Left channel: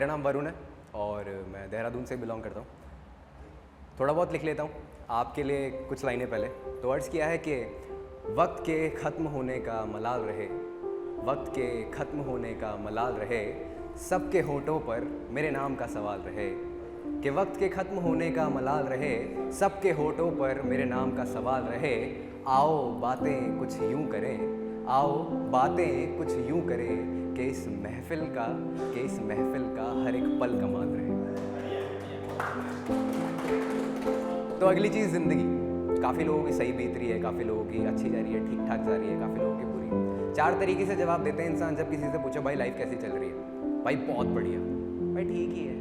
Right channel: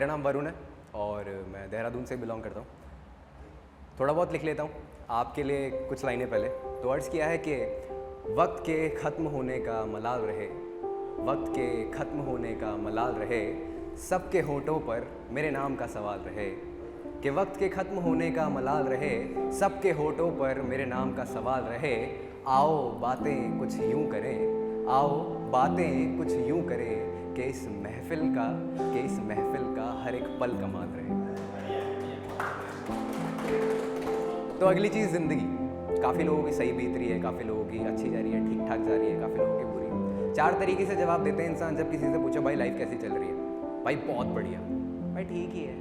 मेरा नाम वरुण है और मैं देहरादून से बिलोंग करता हूँ। थोड़ा बहुत लिख लेता हूँ आपके लिए कुछ लाइनें पहले। तो अर्ज़ किया है कि वक्त के ख़त्म होने का मलाल रहे, वक्त के ख़त्म होने का मलाल रहे, सबके होठों पर मेरे नाम का सवाल रहे। कि वक्त के ख़त्म होने का मलाल रहे, सबके होठों पर मेरे नाम का सवाल रहे। आओ बातें कुछ यूँ करें, आओ बातें कुछ यूँ करें कि इस महफ़िल का हर एक पल कमाल रहे। तो अगली चीज़ ज़िंदगी। काफ़ी लोगों की सही बीत रही है, काफ़ी लोगों की अच्छी जा रही है, ठीक ठाक जा रही है, काफ़ी लोगों की बुरी। 4 तरीके से जवाब देते हैं इंसान जब किसी से पूछो भाई लाइफ कैसी चल रही है। भाई बहुत बढ़िया, भाई ठीक ही है,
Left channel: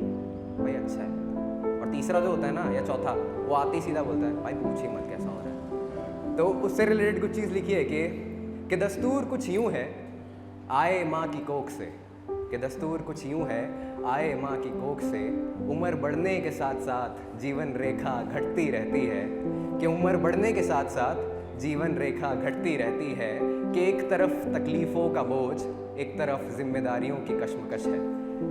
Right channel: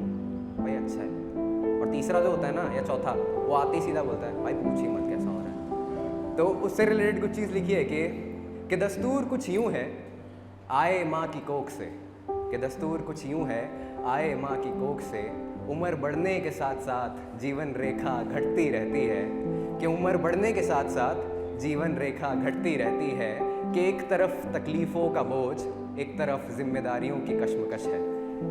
भाई अच्छा है। और तीसरा जो होता है ना, या चौथा, वो आते ही सीधा बोलता है भाई पूछ ही मत कैसा हो रहा है। तो उससे रिलेटेड कुछ चीज़ लिखी है कि दस्तूर कुछ यूँ है आए माँ की कोख से। कि दस्तूर कुछ यूँ है आए माँ की कोख से, उम्र बढ़ने के साथ साथ जीवन रेखा घटती रहती है। कि उम्र बढ़ने के साथ साथ जीवन रेखा घटती रहती है। कि एक तरफ तकलीफ़ों का बोझ, एक तरफ जिम्मेदारियों की कश्मकश है।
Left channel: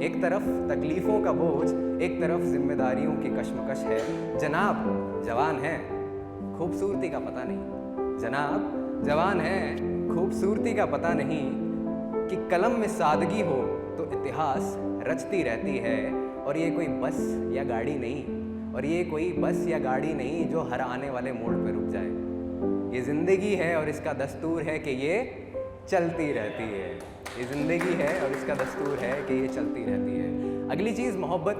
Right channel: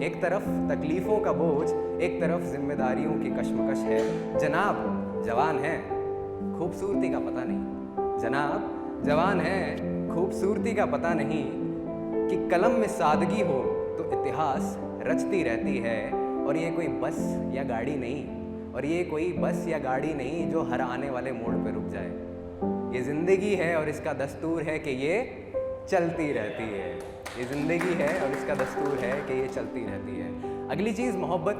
एक तरफ तकलीफ़ों का बोझ, एक तरफ जिम्मेदारियों की कश्मकश है। जनाब जवान है, खूबसूरती का पता नहीं। जनाब जवान है, खूबसूरती का पता नहीं। कि कलम में सादगी हो तो इतिहास रचती रहती है। और ये कोई बस या गाड़ी नहीं, और ये कोई बस या गाड़ी नहीं जो हर आने वाले मोड़ पे रुक जाए। ये ज़िंदगी है और इसका दस्तूर है कि ये चलती रहती है। ये ज़िंदगी है और इसका दस्तूर है कि ये चलती रहती है। अगली चीज़ मोहब्बत।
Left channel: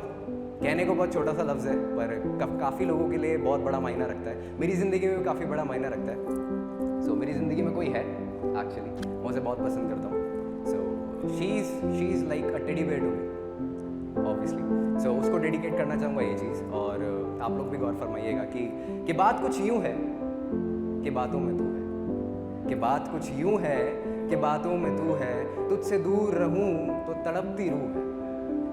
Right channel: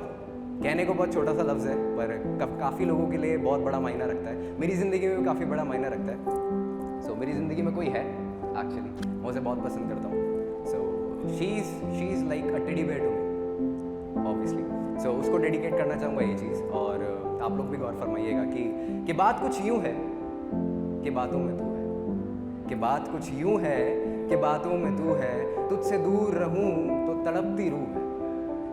कहने को बहुत छोटा सा लफ्ज़ है पर काफ़ी लोगों के लिए बहुत बड़ा मायना रखता है। मेरी ज़िंदगी में भी काफ़ी बड़ा मायना रखता है। सो मेरी ज़िंदगी में कोई है एक्चुअली, मैं उसे बहुत पसंद करता हूँ। So she is like a teddy bear to me obviously. So उसको डेडिकेट करना चाहूँगा ये चीज़। और आप लोग भी गौर फरमाइएगा कि बात कुछ यूँ है कि बातों में तू है। कि बात कुछ यूँ है कि बातों में तू है, तुझसे दूर रहूँ तो तड़पती रूह है।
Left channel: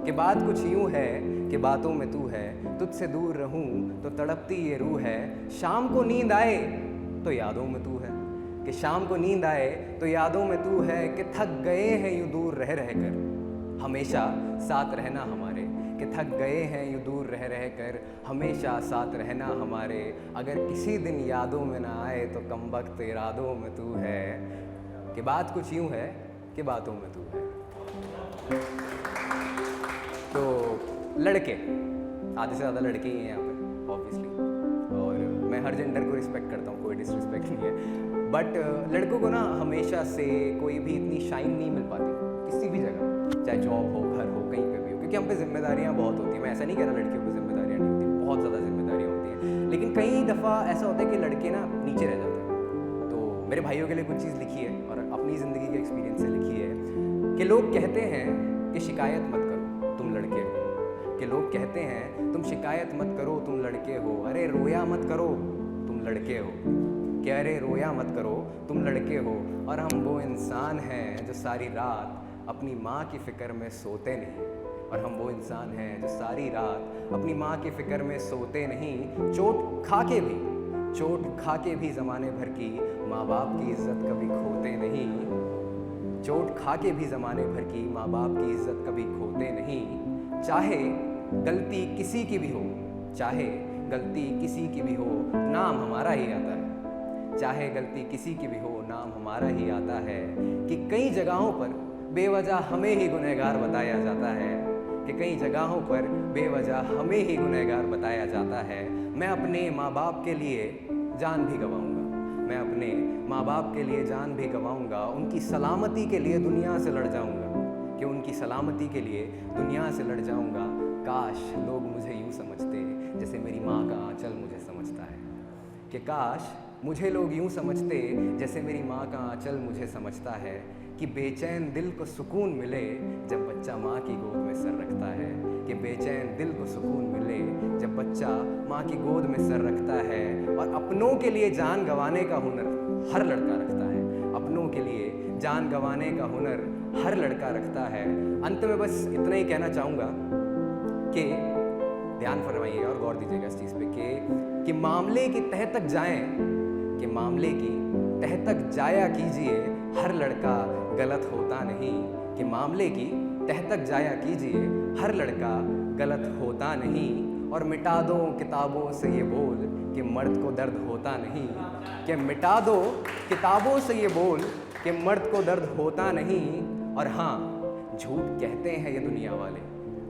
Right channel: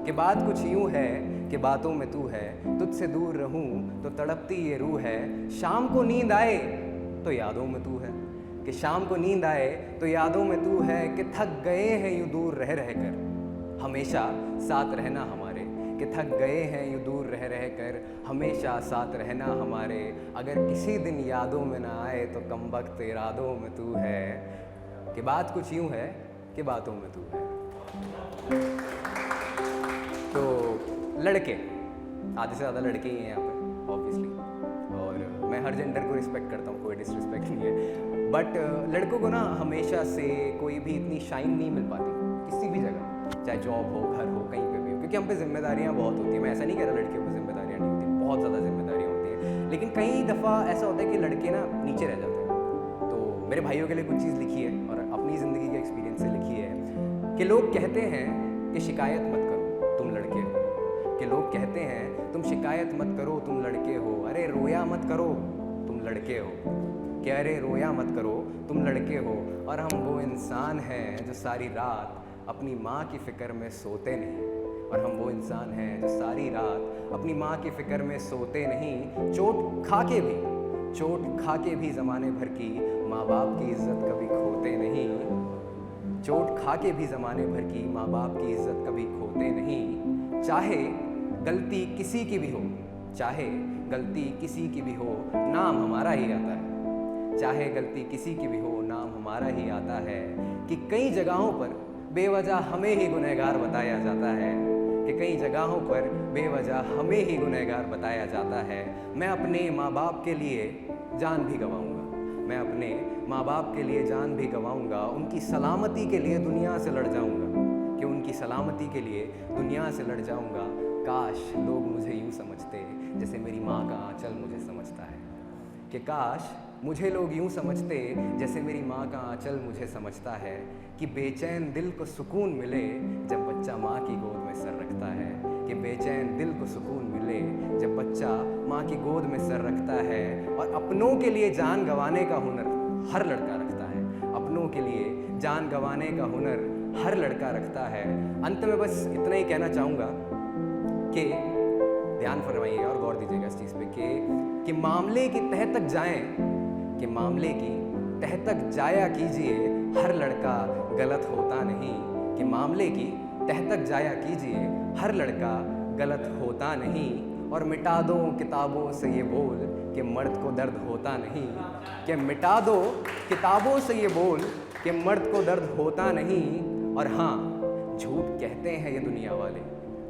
कि बात कुछ यूँ है कि बातों में तू है, तुझसे दूर रहूँ तो तड़पती ये रूह है। शाम को नींद आए तो यादों में तू है। कि शाम को नींद आए तो यादों में तू है। कि थक गए हैं यूँ दूर रह रह कर, हमेशा साथ रहना हमारे। कि थक गए हैं यूँ दूर रह रह कर, हमेशा साथ रहना हमारे। अगर किसी दिन यादों में ना आए तो कमबख्त इरादों में तू है। कि बात कुछ यूँ है कि बातों में तू है। तो लड़के, आधे से ज़्यादा लड़के ही हैं यहाँ पे ऑब्वियसली, और मैं हर जेंडर को रिस्पेक्ट करता हूँ, कोई डिसरिस्पेक्ट नहीं है। बट लड़कों को ना हमेशा से कोई भी इतनी शाइन नहीं मिल पाती किसी भी जगह, चाहे जॉब हो, घर हो, कहीं पे भी हो, क्योंकि हम पे जिम्मेदारियाँ बहुत होती हैं। मैं ऐसा नहीं कह रहा लड़कियों पे जिम्मेदारियाँ नहीं होती, बहुत ज़्यादा जिम्मेदारियाँ होती हैं। लेकिन कई दफ़ा ऐसा होता है कि लड़के ना नीचे रह जाते हैं। तो मेरे भाइयों के लिए कुछ चीज़ लिखी है और अपनी ज़िंदगी के एक्सपीरियंस से लिखी है कि लोग कहते हैं कि शिकायत मत करो तुम लड़के हो। कि लोग कहते हैं तुम शिकायत मत करो तुम लड़के हो। अरे रोया मत करो तुम लड़के हो। कि अरे रोया मत करो तुम लड़के हो। और हम वो इंसान हैं जो सारी रात अपनी माँ की फ़िक्र में सोते नहीं। और हम वो इंसान हैं जो सारी रात अपनी माँ की फ़िक्र में सोते नहीं। चोट खा के भी ज़माने भर की माँ बाप की इज़्ज़त कभी खोते नहीं। चोट खा के भी ज़माने भर की माँ बाप की इज़्ज़त कभी खोते नहीं। चाहे गलती किसी की भी हो, चाहे गलती किसी की भी हो, नाम हमारा ही आता है। चाहे गलती किसी की भी हो, नाम हमारा ही आता है। कि कई जगहों पर बेवजह हमें ही गुनहगार बताया जाता है। कि कई जगहों पर बेवजह हमें ही गुनहगार बताया जाता है। मैं अपने माँ बाप के लिए जान भी गंवाऊँगा, मैं अपने माँ बाप के लिए जान भी गंवाऊँगा। उनकी सलामती के लिए दुनिया से लड़ जाऊँगा, कि उनकी सलामती के लिए दुनिया से लड़ जाऊँगा। काश लोग मुझे यूँ समझते जैसे मेरी माँ का आँचल मुझे समझता है। कि काश मुझे लोग यूँ समझते जैसे मेरी माँ का आँचल मुझे समझता है। कि बेचैन दिल को सुकून मिले जब बच्चा माँ की गोद में सर रखता है। कि बेचैन दिल को सुकून मिले जब बच्चा माँ की गोद में सर रखता है। और अपनों के लिए जान गंवाने का हुनर हर लड़का रखता है। अपनों के लिए जान गंवाने का हुनर हर लड़का रखता है। अंत में बस इतना ही कहना चाहूँगा कि ध्यान फरमाइएगा और गौर दीजिएगा इस चीज़ पे कि मामले की तह तक जाएं, कि मामले की तह तक जाया कीजिए, हर लड़का गलत होता नहीं। कि मामले की तह तक जाया कीजिए, हर लड़का गलत होता नहीं। और मिटा दो किताबों से ये बोल कि मर्द को दर्द होता नहीं, कि मिटा दो किताबों से ये बोल कि मर्द को दर्द होता नहीं। और हाँ, झूठ कहते हैं ये दुनिया वाले,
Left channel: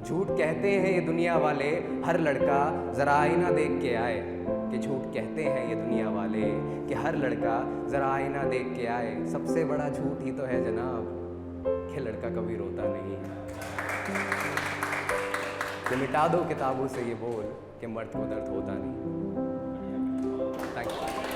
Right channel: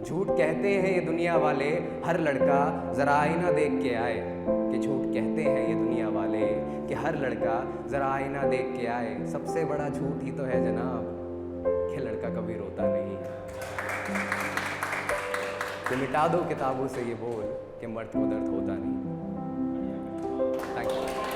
झूठ कहते हैं ये दुनिया वाले, हर लड़का ज़रा आईना देख के आए। कि झूठ कहते हैं ये दुनिया वाले कि हर लड़का ज़रा आईना देख के आए। सबसे बड़ा झूठ ही तो है जनाब कि लड़का कभी रोता नहीं। कि मिटा दो किताबों से ये बोल कि मर्द को दर्द होता नहीं। Thank you.